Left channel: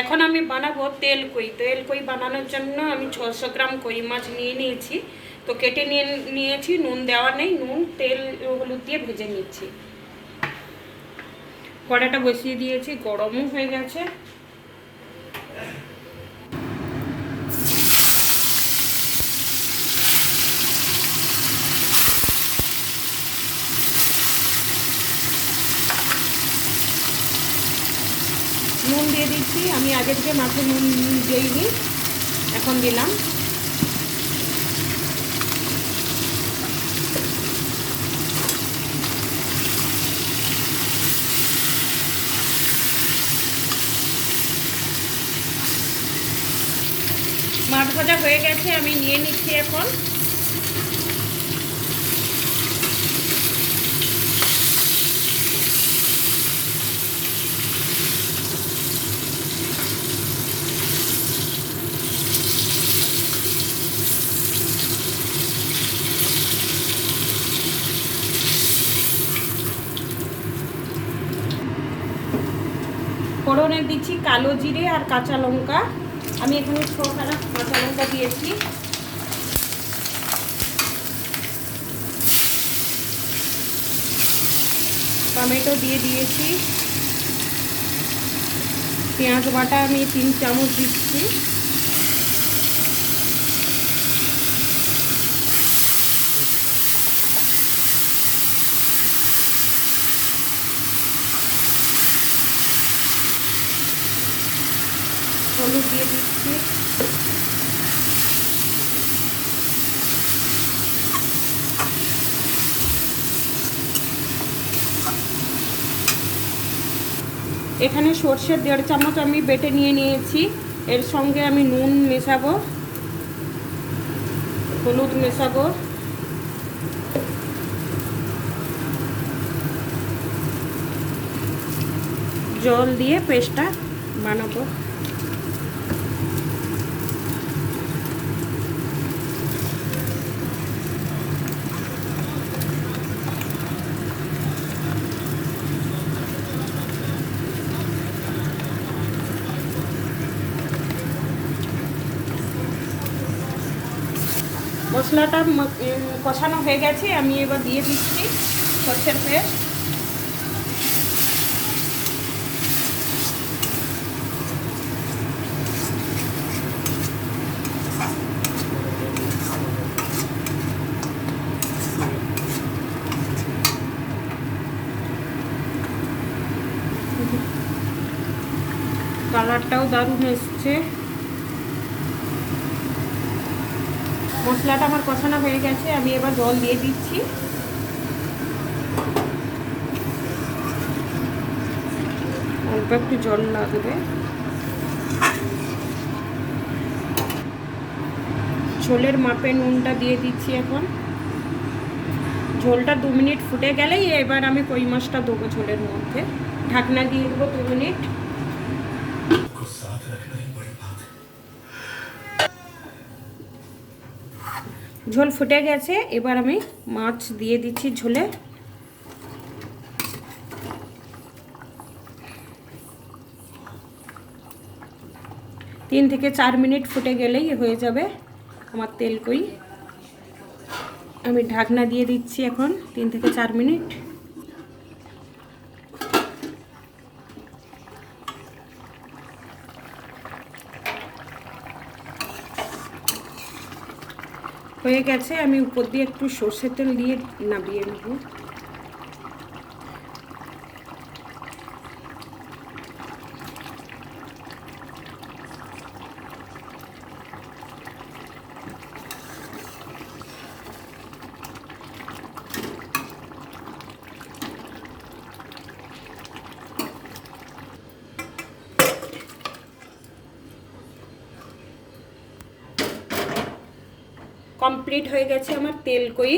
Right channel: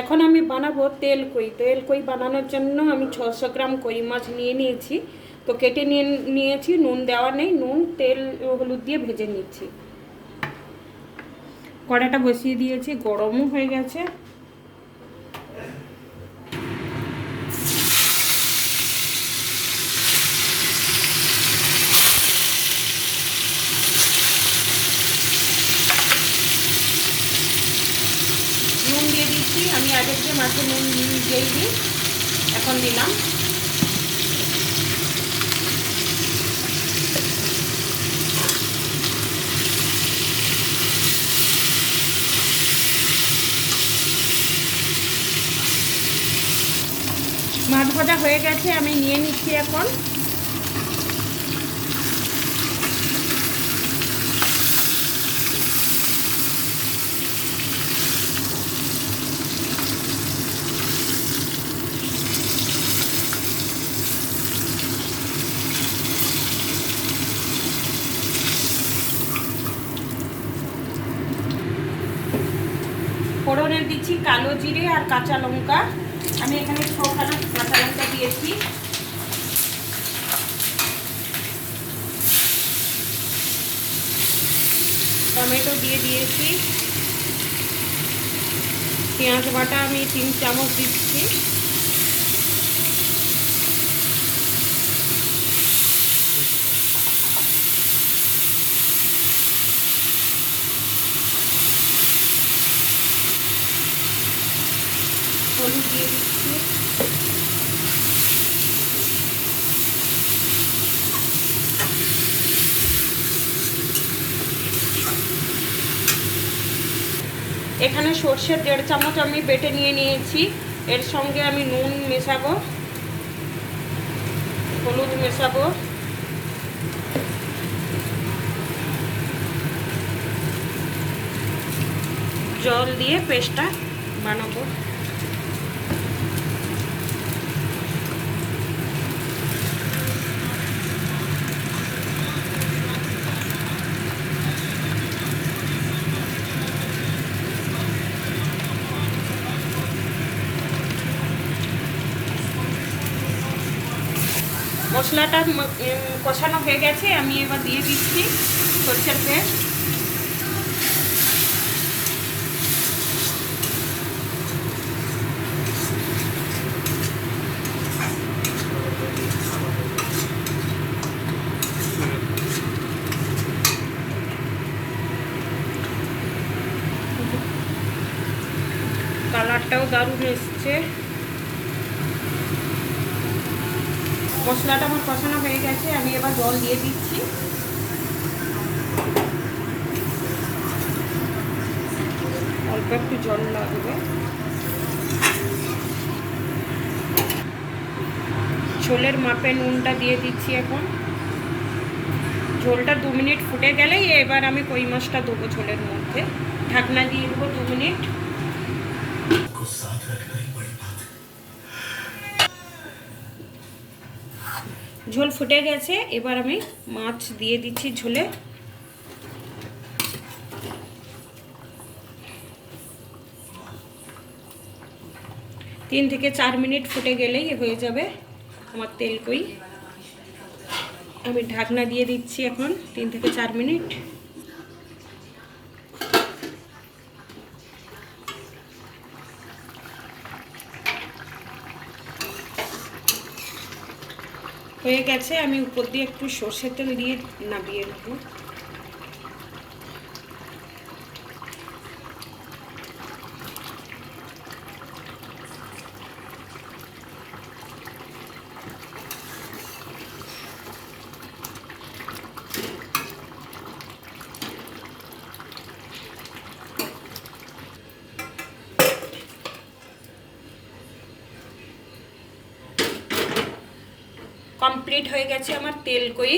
এখন আমি বানাবো তেল কই। তেল কই বানানোর জন্য আমি ছশো গ্রাম কই মাছ নিয়ে নিয়েছি। তো কেটে নিয়ে নিয়েছি, নুন দেওয়া নেই, নুন, তেল হলুদ দিয়ে ভেজে নিচ্ছি। কড়াটা বসিয়ে দিয়েছি, গরমও হয়ে গেছে। নুন দিয়ে দিচ্ছি। আমি আগের যে মাছে নুন দিয়েই দিই, এখন দিলাম। মাছ ভাজা হয়ে গেছে, আমি নিয়ে নিচ্ছি এখন। ফোড়নে দিচ্ছি কালো জিরে আর কাঁচা লঙ্কা। আমি এখানে ছখানা কাঁচা লঙ্কা দিয়েছি। টমেটো দিয়ে দিয়েছি। পেঁয়াজ বাটা আমি তিন চামচ দিচ্ছি। হলুদ দিয়ে দিচ্ছি এখানে সর্ষের দেড় চামচ আমি বেটে নিয়ে নিয়েছি। এর সঙ্গে আমি নুন মেশাবো। হলুদ মেশাবো। জল দিয়ে পেস্টটা বানাবো। মশলাটা কষানো হয়ে গেছে আমি এবার দিয়ে দিচ্ছি সরষের পেস্ট। কালারটাও দারুণ এসছে। মশলাটা আমার কষানো হয়ে গেছে, আমি এবার জল দিয়ে দিচ্ছি। অল্প একটু জল লাগবে। ঝোলের মাপে নুনটা দিয়ে দিচ্ছি এখন। ঝোলটা দু মিনিট ফুটে গেলেই এবার আমি কই মাছটা দেবো ঝোলের মধ্যে। ঢাকনা দিয়ে দেবো দু মিনিট। ঝোল ফুটে গেছে, এবার আমি মাছ দিয়ে দিচ্ছি ঝোলে। তিন থেকে চার মিনিট ফুটে গেলেই হয়ে যাবে আমার তেল কই। আমি ঢাকনা দিয়ে দিচ্ছি এখন, তিন থেকে চার মিনিট। হয়ে গেছে আমি উপর দিয়ে একটু সর্ষের তেল দিয়ে নামিয়ে নেব। কমপ্লিট হয়ে গেছে আমার তেল কই।